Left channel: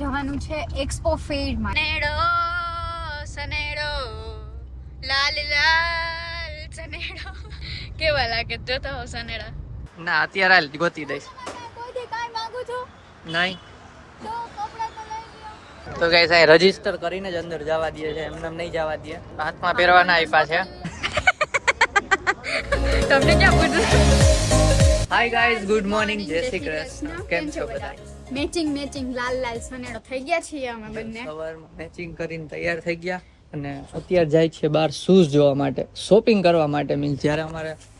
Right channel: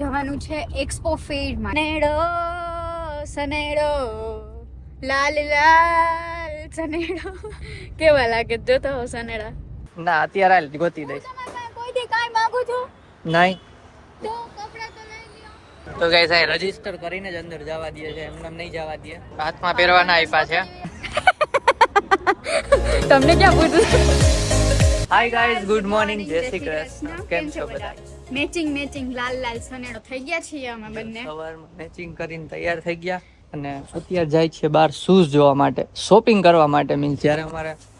જવાનું છે એક્સપો ફેરમાં. સનેડો સનેડો લાલ લાલ સનેડો કેવા લાગે જોતો હો સનેડા? ના અત્યારે હાલ ગોતી દઈશ. કોઈ દી કાઈ માંગુ છું નહીં તો કપડા તો લઈ લ્યો. તો ગાઈસ આ રજીસ્ટર કરીને જ અંદર જવા દે છે, એમને નહીં જવા દે. હાથમાં પહેરવાના આપ્યા છે. તમને ક્યાં પૂછું? હાય ગાઈસ, ગુડ મોર્નિંગ, જય શ્રી કૃષ્ણ. કેમ છો બધા? મેચિંગ લાલ લાલ સનેડો થઈ ગયા છીએ અમે બંને. સવારમાં મેચિંગ કરીને તૈયાર થઈ ગયા અને અત્યારે જાય છે બહાર શૂઝ જોવા માટે, શોપિંગ કરવા માટે. મીન્સ જ્યારે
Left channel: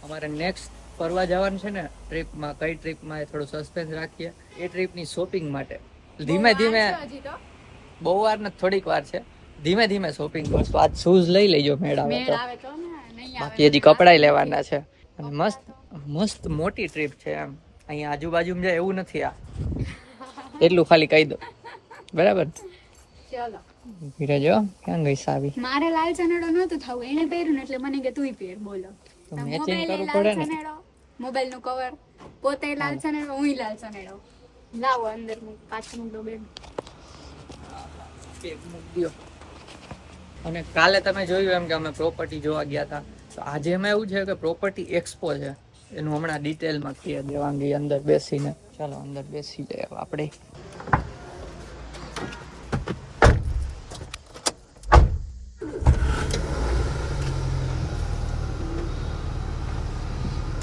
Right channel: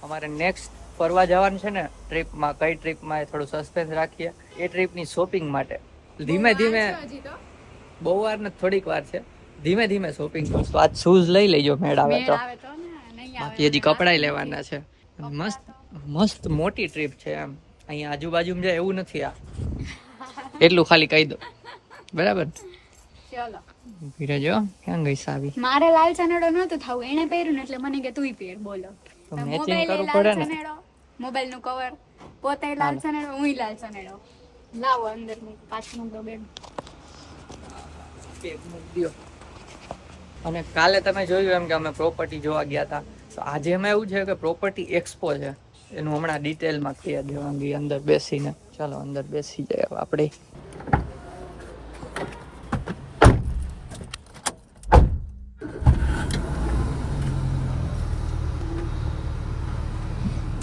અમારે નેક્સ્ટ ફરવા જવાનું છે ને ટ્રીપમાં, કઈ ટ્રીપમાં એ થોડું સસ્પેન્સ રાખીએ. એ ટ્રીપની શોપિંગ માટે ધીમે ધીમે, બહુ વાર નથી, થોડીક વાર છે, ધીમે ધીમે શોપિંગ કરશું. આજ શૂઝ લઈ લેજો, મેળ આવે તો. બાકી હજી કપડાય લેવાના છે. અને મસ્ત મસ્ત મોટી ટ્રીપ છે એમ. અહીંયા આજુબાજુમાં જાય એવું નથી. આ એટલું ખાલી કહી દો, બરાબર? ચલો ધીરે જો, ક્યાં ગઈ સાવી? મારે લાલ સનેડો નહોતું થવું, એને પહેર્યું ને એટલે મને કે તુંય પહેર. બોલો, તો મેચિંગ કરવું પડે ને. મોબાઈલ નું કવર, પોતે લાલ સનેડો, હુંય લાલ સનેડો. લાવો અંદર પાછળ મૂક દો બેન. બેગ મૂક દ્યો. અને કાલે તમે જોયું એમ કે અમે પ્રોપર્ટી જોવા ગયા હતા. તો આજે એમાં એવું છે કે પ્રોપર્ટી એક્સપો છે, એનું હમણાં ડિટેલમાં કહી દેવાંગી અંદર બેસીને. ચાલો અંદર બેસી જાય આપણે.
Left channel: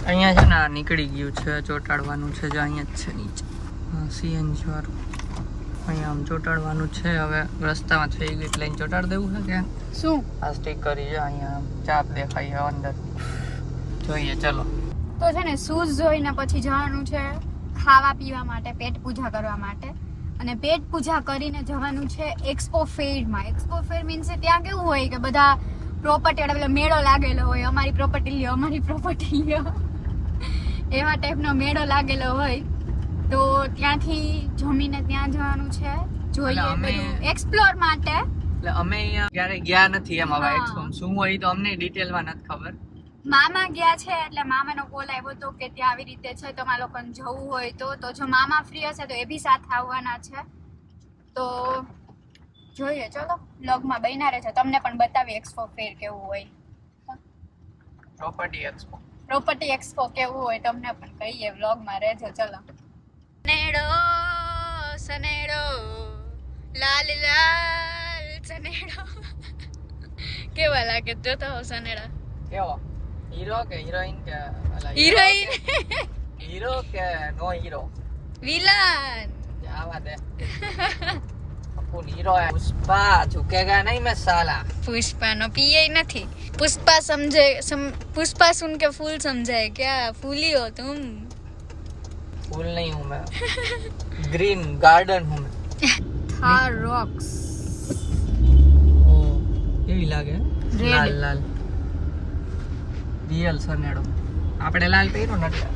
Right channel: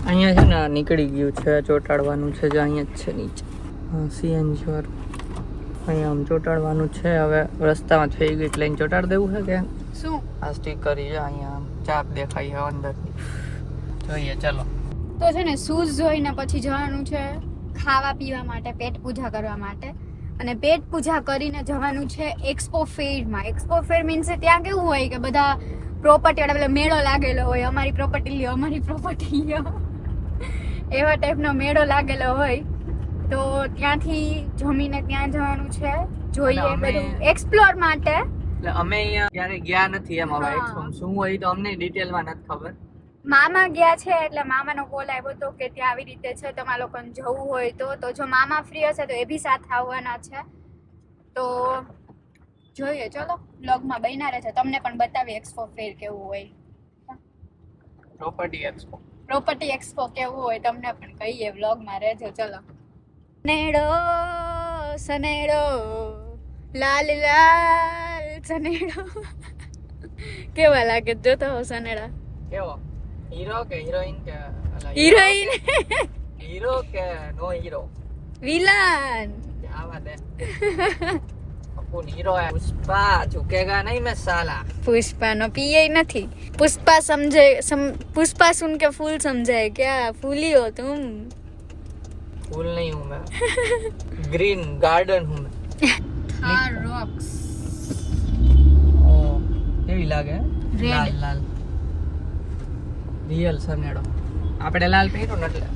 અહીંયા છે ને નીકળી ગયું છે, ચોટાડવાનું છે. જો અહીંયા જ છે નીચે, હા સીએનજી વાળું. અહીંયા આમ ચોટાડવાનું છે. હવે રસ્તામાં થઈ ગઈ એટલે ચોટાડ દેવું છે કે શું? આ સ્ટીકર છે, અહીંયા આમ ચાપ દેખાય છે અંદર. જોઈએ ચલો. તો છે ને શૂઝ જોઈને પછી જવાનું છે ખાવા પીવા માટે, પેટ પૂજા કરવા માટે. અને પેટ પૂજા કરીને જવાનું છે એક્સપો ફેરમાં. એક્સપો ફેર મીન્સ ત્યાં કેવું હોય કે બધા પ્રોપર્ટી વાળા મેળો લાગેલો હોય, અમારી પ્રોપર્ટી લ્યો, અમારી પ્રોપર્ટી લ્યો, એવા ટાઈપનો મેળો લાગેલો હોય. તો ત્યાંથી જમીને ત્યાં જવાનું છે, જોઈએ બધું એક્સપ્લોર માટે. એટલે અમે અહીંયા ક્યારે ગયા નથી એમ. હવે એક્સપો શું હોય તો અમને ડિટેલમાં નથી ખબર. મામા ગયા છે એટલે મામાનો કોલ આવ્યો હતો કે ત્યાં આવી રીતે છે, તમારા લોકોને જવું હોય તો જો મામા ફ્રી હશે તો એ બી સાથે આવવાના છે. તો જોઈએ, ચલો બ્લોગમાં બન્યા રહેજો, તમને પણ બતાવી એક્સપો ફેર કેવું હોય, પ્રોપર્ટી એક્સપો કેવું હોય તમને પણ કહીએ. બ્લોગમાં રહેજો. ચલો. સનેડો સનેડો લાલ લાલ સનેડો કેવા લાગે જોતો હો સનેડા? કેવો? હીરો કે હિરોઈન કે હિરોઈન? હીરો કે નો હીરો? વિલન. આવા દે. કौन हीरो है? पुष्पा झुकेगा नहीं मैं साला. पुष्पा नो पीए नहीं. पुष्पा समझे पुष्पा सुन के फूल समझे क्या? फूली हो तुम? फूल नहीं हूँ मैं, ग्रीन गार्डन हूँ मैं. थार रॉक्स કેવી લાગે? લાલ લાલ રિયલ સનેડો. આપણે લાલ પહેરો ને એટલે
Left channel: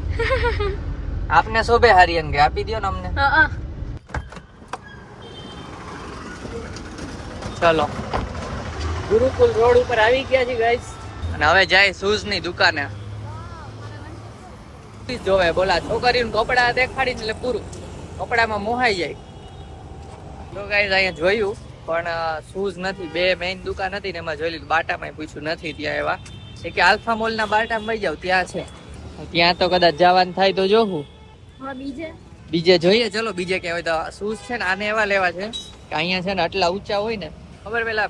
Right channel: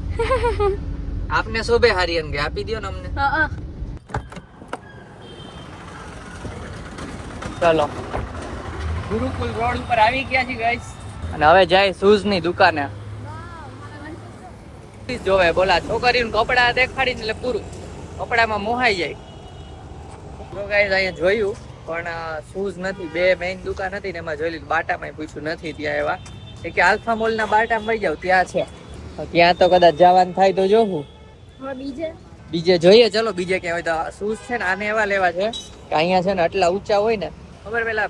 આપને શોભે હરિયન કે આપી દો ને અમને. ચલો ગુરુકુલ રોડ ઉપર આવી ગયા છે ગાઈસ, અને હવે જાય શૂઝ ની દુકાને. જોવે બોલા છોકરીઓને કપડા દેખાડીને એટલે પૂરું, કપડામાં મોહાઈ જાય. જો ગાઈસ અહીંયા જોયું પણ શૂઝ નથી. બે મેઇન દુકાન હતી ને એમાં જોઈ લીધું. બાટામાં પૂછ્યું નથી ત્યાં એવા. એ કે આલ્ફા મોલ ના બાટામાં વહી જાવ, ત્યાં છે. ત્યાં તો કદાચ જવાનું થાય તો જોવું. બીજે જોઈએ. ચલો બીજે ક્યાં હોય તો. શૂઝ છે ને આને એવા લેવા છે કે અહીંયા છે ને આટલા ઊંચા હોય ને, ખબર પેલા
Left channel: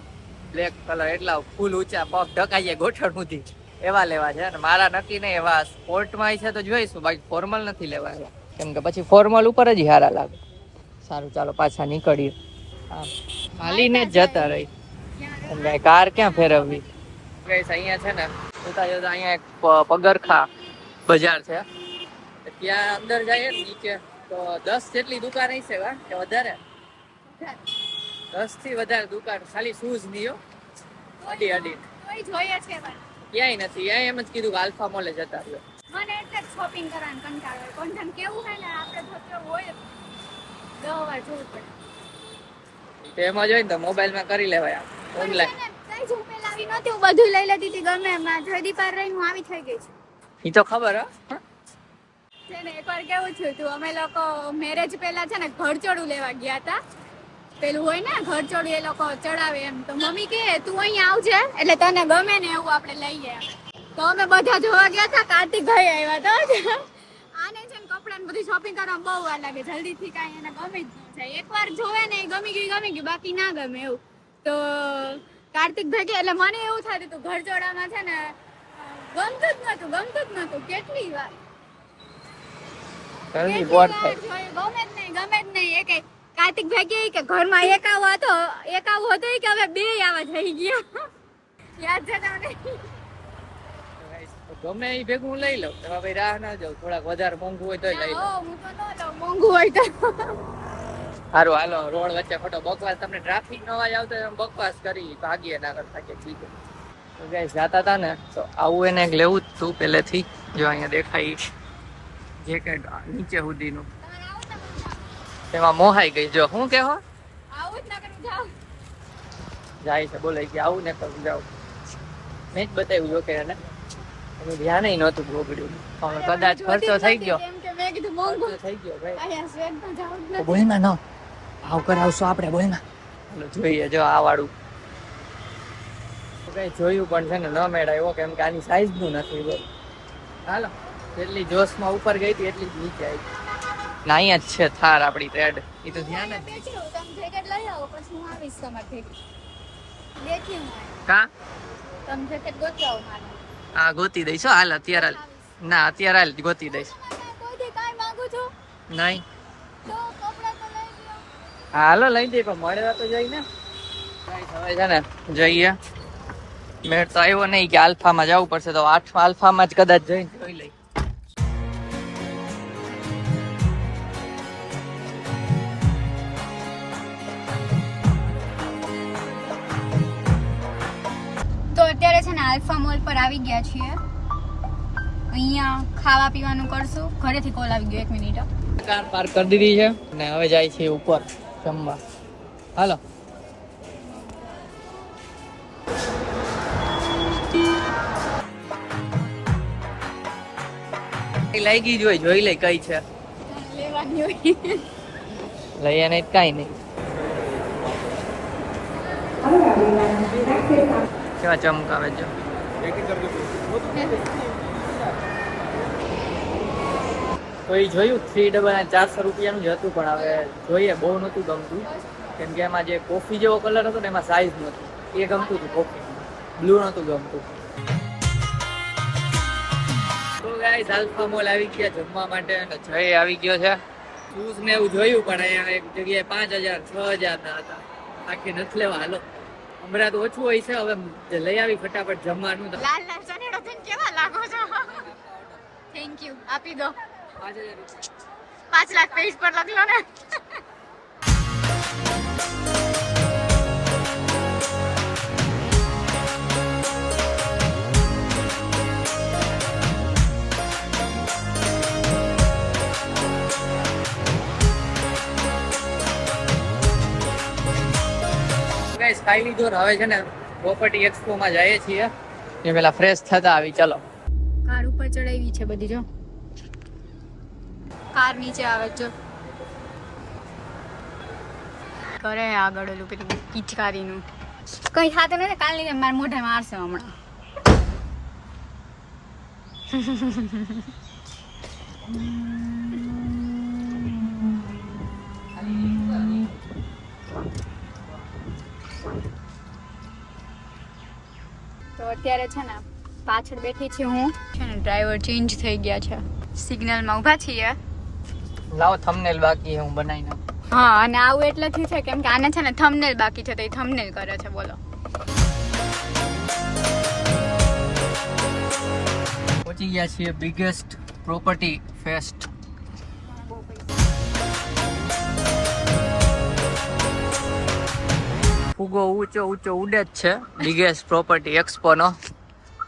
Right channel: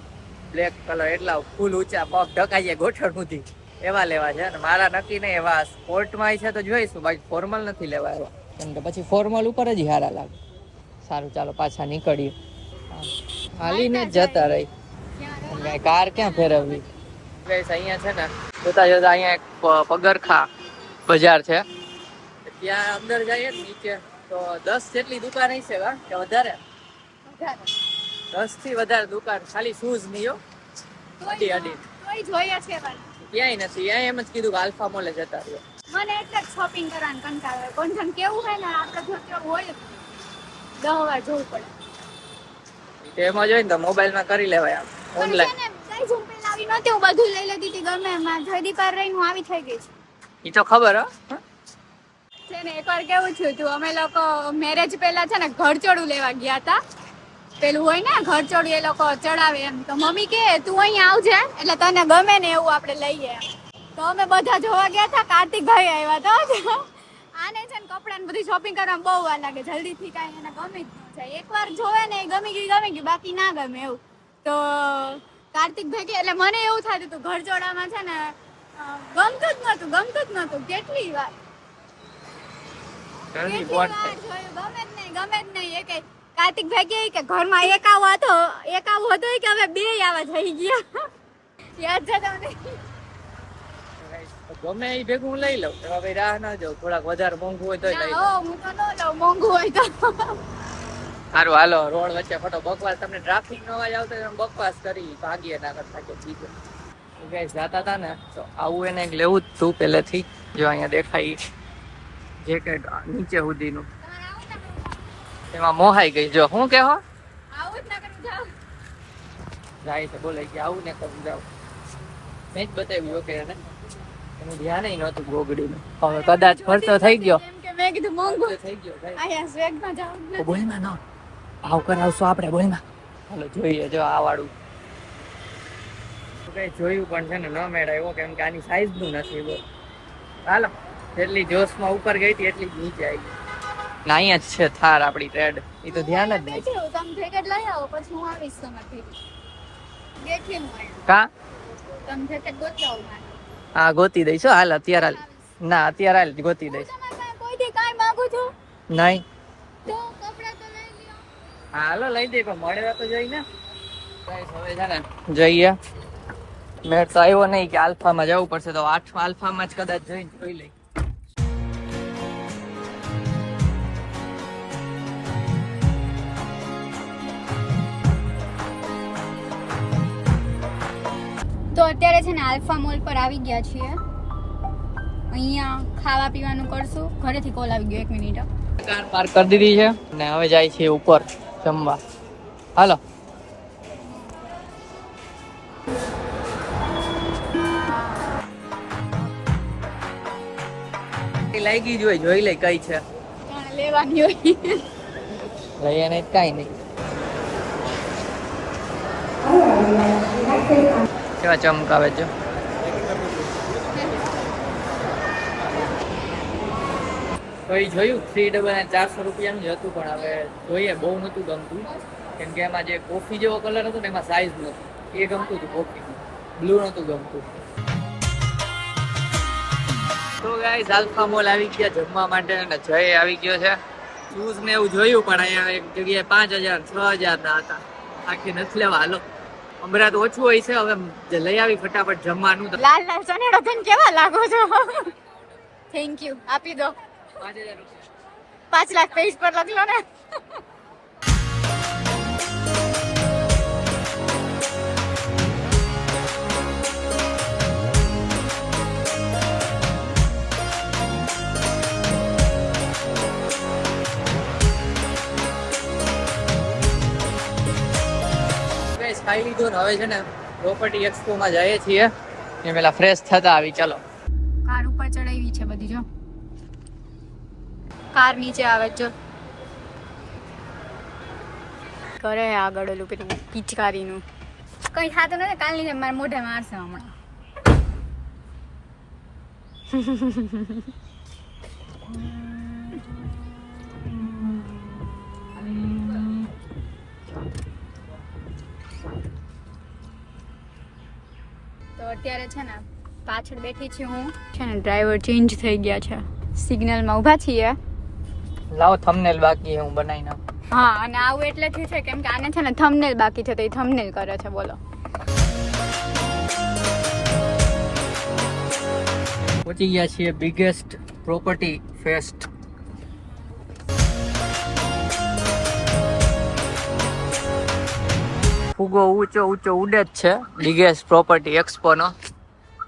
બ્લેક કલર, એટલા ફૂલ ઊંચા, પગ ઢકાઈએ ગોઠણ સુધી, એવા લેવા છે. અને મારા નક્કી નહીં, એવા સ્પોર્ટમાં છે તો જોઈશું, બાકી ફોર્મલ નથી લેવા એવા, કેમ કે પછી ફોર્મલ ઉપર જ સારા લાગે. સારું ચાલો પાછા નીકળીએ. હાલીને જ જતા રહી એટલે કાર ક્યાં ફેરવવી. ગાઈસ અહીંયા છે ને જોતા જોતા અહીંયા એક પગરખા બજાર છે, ત્યાં અંદર જઈએ ને નીચે તો 10 જેટલી દુકાન હશે કે વધારે, 10 થી વધારે દુકાન ખાલી શૂઝ ની. અડી ક્યાંય નથી. અહીંયા એમ જ કીધું કે આલ્ફા મોલે જતા રહ્યો. મને એટલે શોપિંગ કરવાનું કંટાળો આવે. કોણ કેવું હોય ને આપણે જો કેવું હોય 10 વાર જોવું પડે. એમાં જોઈને તો મોબાઈલમાં કરી લેવાય આમ ઓનલાઈન. કઈ ઝૂમ પે લાવી નહોતી, હું બધું લઈ લેતી હતી ગમે એમાં. જયદીપ પર રહીને હું આવી થઈ ગઈ છું. ઈ તો ખબર હો છે ને. એકવાર કેવું થયું હતું, અમે લોકો મેરેજ પહેલા છે ને ઘરચોળું લેવા ગયા હતા પેલું હોય ને ઘર ચોડી એ લોકો ચડાવે એમ, તો મમ્મી કે તું અહીં આવજે એટલે તને ગમે ને એવું આપણે લઈએ એમ. તો અમે બધા જોવા ગયા હતા, કાર્તિકભાઈ આવ્યા હતા. આને છે ને કપડા ને બધી શોપિંગ કરવામાં બહુ વાર લાગે, જલ્દી થી કાંઈ એને ગમી જ ન જાય. એકવાર જોવે ને ગમી ગયું બાકી ના ગમે એવું. તો કાર્તિકભાઈ કે એટલે મને એવું થતું હતું ઘર ચોડામાં છે ને ગમતું જ નતું કેટલી વાર જોયું, ગમે જ નહીં. એ કઈ કાર્તિકભાઈ કે ઘરમાં એકાવો હતો કે હવે બે આવા થઈ ગયા. યાદ છે તમને? ગમે એ ભેગું હું લઈ લઉં, હવે રાહ ના જાઉં, થોડાક વધારે મોંઘું હોય તો લઈ લઉં. હું તો ન લઉં મોંઘું હોય તો. સારું હાલો, રોડ વચ્ચે ખોટો બકવાસ, તમને ટ્રાફિક નો અવાજ આવતો હોય બકવાસ કરી ભાગીએ ના કરતા કે ચીજે. તો ગાઈસ જાતા હતા ને તો આવું એને એક લેવું જ તું પહેલેથી. જો અહીંયા દેખાય જેકેટ નીચે સુધીનું, એમાં મોહાઈ ગઈ. જો હું કહો આવું જ ના કરું જાવ. જાય છે બોલે કે આવું ને કરું જાવ. મેં જ બતાવ્યું જો કે એને, એનું ધ્યાન નહોતું ગોગડ્યું. હવે કદાચ ખર્ચો થઈ ગયો, એમ કે મેં કીધું મોંઘું ખર્ચો થઈ ગયો ભાઈ. અહીંયા સ્વેગમાં જાવ જ તો બોલમાં ન આવ કરાવશું આપણે બોલમાં. હાલો જોઈએ જો આ વાળું કઈ જોયું પણ છે ને ન મેળાયો, કેમ કે આની સાઈઝ નું નથી. બોલ હાલો, જેટલી જોશમાં ઉપર ગઈ હતી એટલી જ નીચે આવી. ના અહીંયા જ છે થાર આપણી રેડ, એ તો ધ્યાન જ નહીં. તમે જેકેટ લઈ આવો પછી હું આવીશ તમારી બેઠી હું અહીંયા. કા તમે જેકેટ ગોતાવો મારા. હા ગોતી દઈશ હો, હાલ અત્યારે હાલ. ના અત્યારે હાલ ગોતી દઈશ. કોઈથી કાંઈ માંગુ છું નહીં તો કપડાં તો લઈ લ્યો. હાલો લઈ દે, પણ મળવા તો જઈ ને. ગાઈસ હવે છે ને જઈએ. મેળ તો આવ્યો નહીં કે આલ્ફામાં જવું પડશે, તો આલ્ફામાં જ કદાચ જઈને જોઈ લઈ. તો અત્યારે છે ને આલ્ફા મોલ પર આવી ગયા છીએ. અહીંયા ખાવા પીવાનું કરશું. ઘરેથી કોલ આવી ગયો, 1 મિનિટ. કાર પાર્ક કરી દીધી છે ને હવે જાય છે ઉપર જમવા. હાલો લાગી જોઈ લે કઈ છે લેવાની હોય. લઈએ નહીં કઈ નહીં. કેવા ચમકાવે જો. તો એ જોયું 3 રૂપિયાનું જ હતું, પણ હવે જોઈએ બહુ નહોતું ગમતું, કેમ કે એમાં જે કોફી જેવો કલર હતો ને એમાં સાઈઝ નહોતું. એ ગમતું હતું કોફી, બ્લુ નહોતું ગમતું. તો ગાઈસ આલ્ફા મોલ આવી ગયા જમવા માટે અને જય આવી ગયો છે. શૂઝ ને એવું જોયું પણ અહીંયા એક જગ્યાએ 5000 6000 ના હતા. આખી નથી લેવા. હાલો હમણાં તો ઓછું હોય છે, હવે લઈ આવી ફટાફટ જમવાનું. તો લાલ લાલ સનેડો થઈને કેવા લાગો છો. થેન્ક યુ, આપી દો. 5 લાખ પેજ પર લખલો ને. ખાઈ લીધું ને હવે છે ને પ્રોપર્ટી એક્સપો માં જઈએ છીએ. એ પેલા ફ્રેશ થતા આવી. ચાલો કાર ઉપર ચડાવી છે બધી. જો કાર નીચે આવે જો કરે આગળ ઓલું પેલું પિચકારીનું કઈ થતું નથી. કાલ ની મારા મોઢે મારશે હમણાં. તો અત્યારે છે ને પાછળ બેઠી છે હું. છે ને ડ્રાઈવર ચેન્જ થઈ ગયા છે. સિગ્નલમાં ઊભા છીએ. લાવો થંબનેલ બાકી હું બનાવી નાખું. હા, અને આવું એટલેથી છે કેમ કે આને છે ને થંબનેલ બાકી છે, તો એ થંબનેલ કરે છે. બોલો પહોંચી ગયા છીએ બિગેસ્ટ પ્રોપર્ટી ફેસ્ટ. ફુગો ઊંચો ઉડે જ છે બિગેસ્ટ પ્રોપર્ટી એક્સપો નો.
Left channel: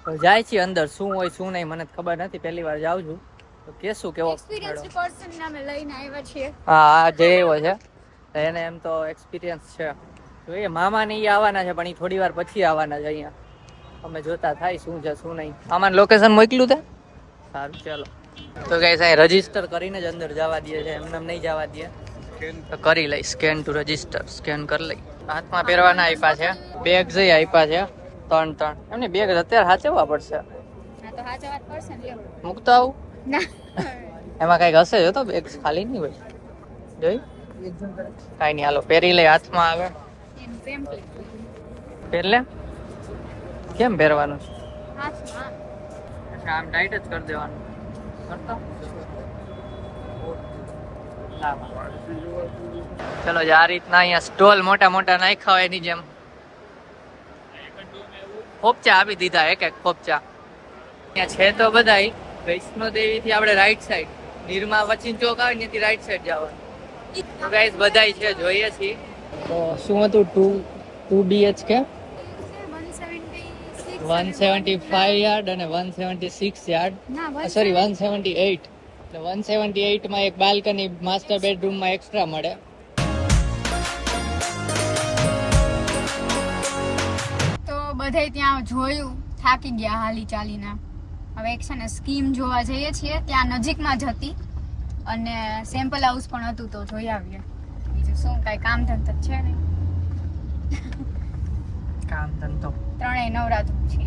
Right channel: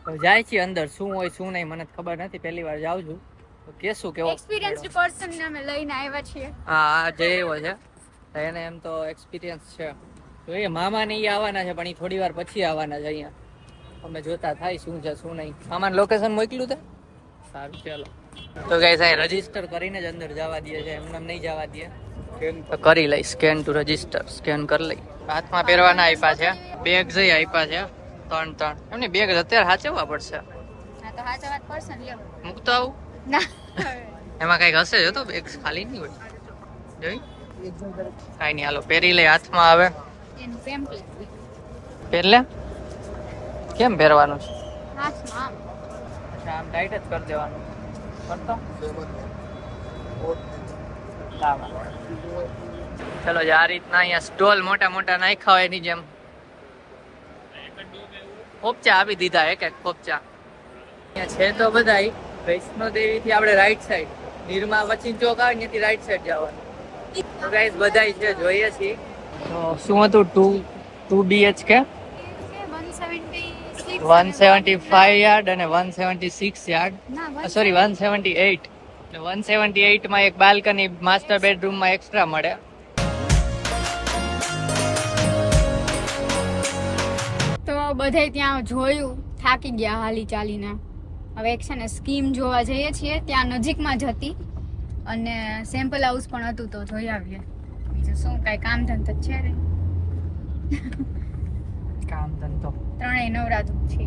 તો જાય છે અંદર, શું હોય શું નહીં મને ખબર નથી, પહેલી વાર જાઉં છું. તો કેશું કેવો એક્સપિરિયન્સ્ડ પર્સન ને અમે લઈને આવ્યા છીએ. હા જે એવો છે એને એમ તો એક્સપિરિયન્સ છે. તો એ મામા ને ઈ આવવાના છે, પણ એ થોડી વાર પછી આવવાના છે. અહીંયા અમે જોતા થાય શું છે શું નહીં. મામાને લોકેશન મોકલ્યું તે સારું ચાલો. તો ગાઈસ અહીં રજીસ્ટર કરીને જ અંદર જવા દે છે, એમને નહીં જવા દે. તો કરી લઈ સ્કેન ટુ રજીસ્ટર, સ્કેન કરી લઈ. હાથમાં પહેરવાના આપ્યા છે, બેગ જઈ આપ્યા છે 3 એમની બેગ અત્યારે સાચવવા પડશે. મૂકતો આવું એમાં કઈક હશે જો તો બેગ ખાલી નહીં હોય જોઈ કાંઈ નહીં. હાલો પહેરી લઈ, હાથમાં આવે પહેર લે. કેમ પહેરવાનું છે? અચ્છા આમ ટાઈટ જ કરી દેવાનું. કરતો ચલો આ રીતના અહીંયા સ્ટોલ મોટા મોટા નાખ્યા હોય એની જેમ ખોપચા આપી દીધા, એક ખોપચા અહીંયા છે. તો બધાય વૈષ્ણોદેવી થી આપણે રાઈટ સાઈડ, નિરમા વચિન ચોક આવે ત્યાંથી રાઈટ સાઈડ જવાનું. તો ગાઈસ બધાય છે, જોઈએ છીએ. તો શું હતું 2 BHK 175 યાર્ડ અને 176 યાર્ડ, સોરી 178. એટલે 178 માં એક બાલ્કની માસ્ટર બેડરૂમ માં એક્સ્ટ્રા મળે. તો બધે ત્યાં જોયું, થાકી ગયા હાલી ચાલીને. હવે એક છે ને સ્કીમ જોવા જઈએ છીએ, ત્યાં નજીકમાં જ હતી અને સેમ્પલ હાઉસ પણ હતું, તો જોઈ આવીએ. બીજું શું, કાંઈ કામ ધંધો છે નહીં. કામ ધંધો ત્રણેય નવરાત્રું છે.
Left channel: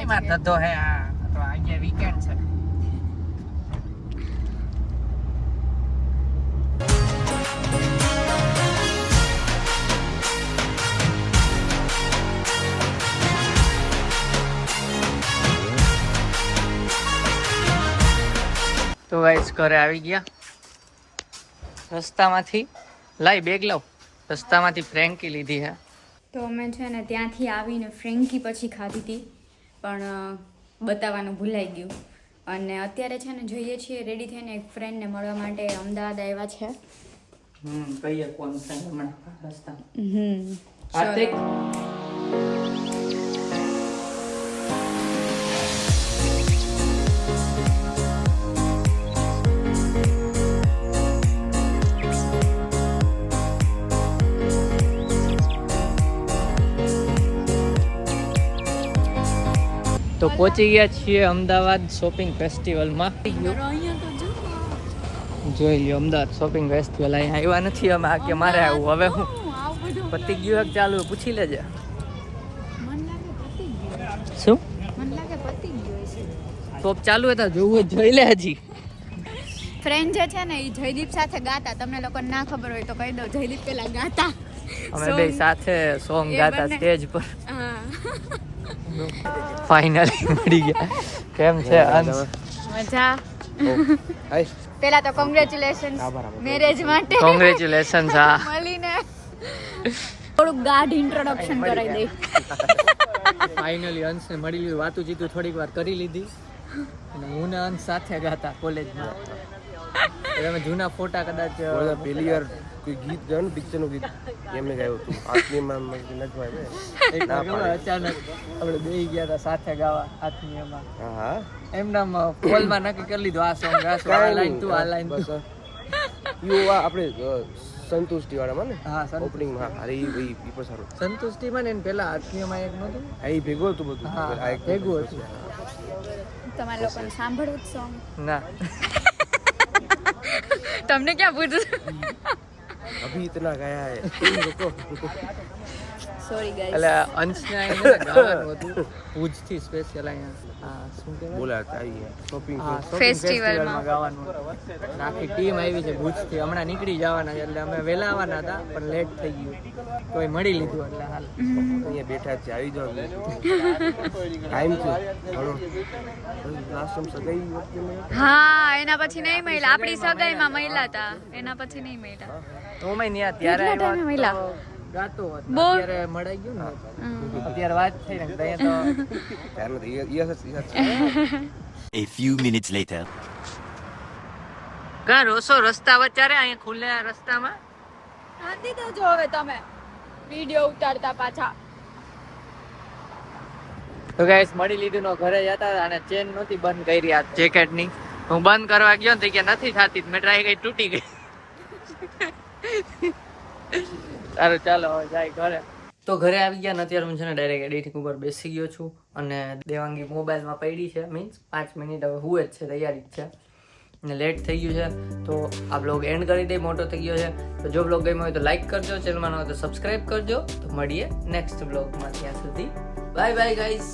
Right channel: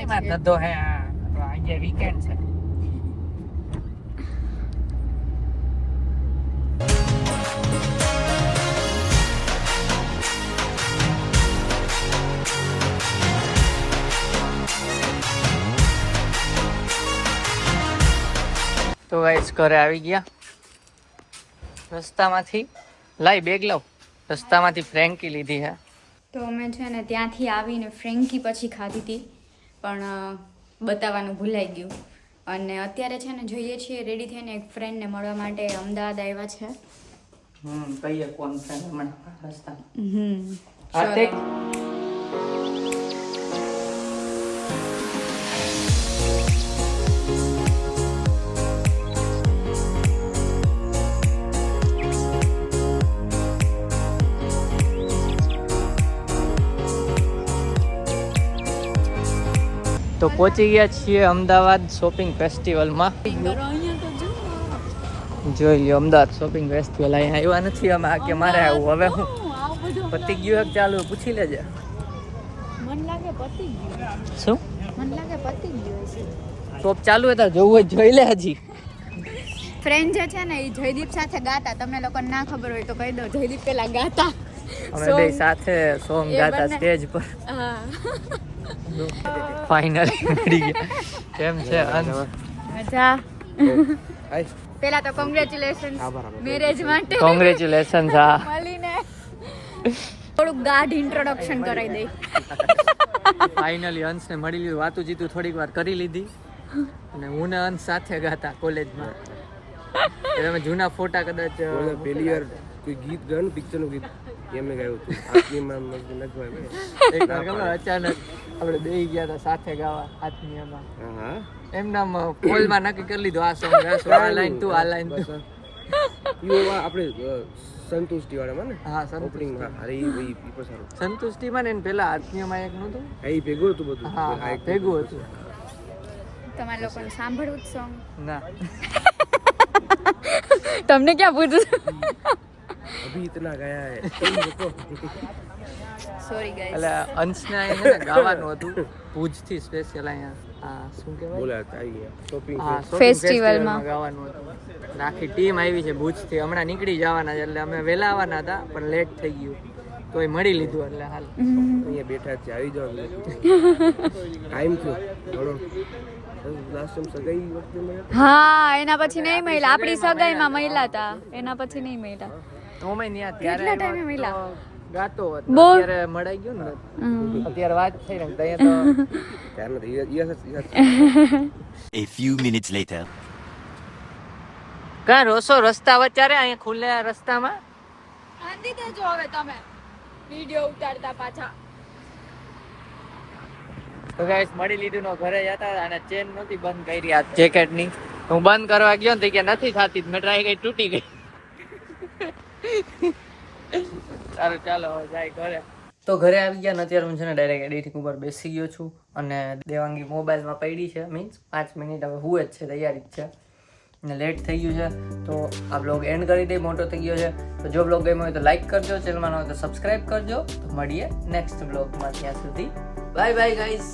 એમાં ધંધો હે આ તો આજે વીકેન્ડ છે. તો ગાઈસ ઘરે આવી ગયા. રસ્તામાંથી લાઈ બેગ લાવ, રસ્તામાંથી ફ્રેન્કી લીધી હે. તો અમે છે ને ત્યાંથી આવીને ફ્રેન્કી પછી ખાધી હતી, પણ બતાવવાનું ભૂલાઈ ગયું. અને અત્યારે છે ને જોઈએ છીએ રેડી થઈને એક ફ્રેન્ડને મળવા માટે અમદાવાદ આવ્યા છે. કહીએ કોણ છે હમણાં રસ્તા. હાર્દિક તો પહોંચી ગયા છીએ અમદાવાદ શોપિંગ ફેસ્ટિવલમાં. જોઈ લ્યો અમદાવાદ શોપિંગ ફેસ્ટિવલ. અહીંયા આવ્યા નથી અમે, આ કે મારે આવું. હવે હું પતી ગયું એક ચાલુ પૂછી લેજે. શું ટોપ ચાલુ હતા જોવું હોય જોઈ લે. હજી ફ્રેન્ડ જે છે ને એ જયદીપ સાથે ગાતા, તમને લોકોને ના ખબર હોય તો કહી દઉં, જયદીપ પેલા ગાતા, અમે બે સાથે સોંગ ગાતા સ્ટેજ પર. હા ફાઇનલી મળી ગયા. કેમ છે અંશ? મજા. પેલા તો કોંગ્રેચ્યુલેશન્સ મેરેજ માટે. કોંગ્રેચ્યુલેશન્સ. હા મળીને થોડુંક ગાઢ ઇન્ટ્રોડક્શન કરાવી દઈ. ફાઇનલી અંશને મળી લીધું, વાતું જીતું થોડીક વાર કરી લીધી. અને હું ને અંશ સાથે ગાતા કોલેજમાં. તમે જૂના ફોટા કદાચ પહેલી વાર કોઈ ગીત ગાયું ને પિક્ચરનું ગીત એમને ગાયું હતું. આત્મીયમાં એક વાર ખબર અચાનક આપણે બેહી ગયા હતા સાથે ગાવા આત્મીયમાં. હા એમના પોલમાં નક્કી કરી લીધું આ સોંગ ગાશું, આ લાઈન તું આ લાઈન તું. આપણે સંતુષ્ટિ વાળામાં ને. હા ઓપનિંગમાં. અરે એ પણ સારું. સંતુષ્ટિમાં ને પેલા આત્મીયમાં એક નહોતું. એ ભેગું હતું બધું. હા ભેગું હતું. તમારે લોકોને સાંભળવું જ સોંગ? ના તમને ક્યાં પૂછું. અભી ઇતના ગાયા હે. Sorry guys. એટલે અંશને અહીંયા ગાવાનું હતું ભુજથી સ્પેશિયલ અહીંયા. હા શું કહેવાય? બોલાતા આવી શોપિંગ. હા ફેસ્ટિવલમાં ગાવાનું હતું. આખી ટીમ આવી છે ભુજથી, હમણાં નીકળી જવાના છે. એટલે અમે વહેલા આવવાના હતા પણ લેટ થઈ ગયું, તોય મળી લીધું. એટલે હાલ અહીંયા બેઠા છે, આવી જાવ. ટાઈમ છે ઘણો. લાસ્ટ ટાઈમ સગાઈ વખતે મળ્યા. હા એના પછી નહીં મળ્યા, આપણી સગાઈમાં મળ્યા હતા, એના પછી નહીં મળ્યા. હું નહીં કેટલા ત્યારે ટાઈમે મળ્યા? ગાતો હતો, બહુ. અત્યારે મળાઈ ગયું ને. અત્યારે વાત થઈ ને અહીંયા તો A few minutes later. ક્યાં રોસો રસ્તા વચ્ચે અહીંયા ખુલ્લા રસ્તામાં? શાંતિ દેજો હવે તમે વિડિયો ઉતારતા પાછા. તો ગાઈસ મળી લીધું નો ઘરે જતા અને ચેન નહોતી બંધ કરી આ જેકેટ ની. હું બંધ કરવા ગયો ને તો કે નથી થતી, મેં ટ્રાય કરી તૂટી ગઈ. સારું ચાલો હવે જાય ઘરે. તો ઘરે આવી ગયા ને અત્યારે હું છે ને ડાયરેક્ટ એડિટિંગ ઉપર બેસી ગયો છું અને દેવાંગી મોબાઈલમાં પડી છે, મીન્સ 5 મિનિટ હવે હુએ જ છે, તૈયારી જ છે. ને લેટ થઈ ગયું છે, તો આ બ્લોગ એન્ડ કરી દઈ, મોટો થઈ ગયો છે. તો જો બ્લોગ ગમ્યો હોય તો લાઈક કરજો, ચેનલમાં ન હોય તો સબસ્ક્રાઈબ કરજો. તો મળીએ નેક્સ્ટ બ્લોગમાં, ત્યાં સુધી બાય બાય ગાઈઝ.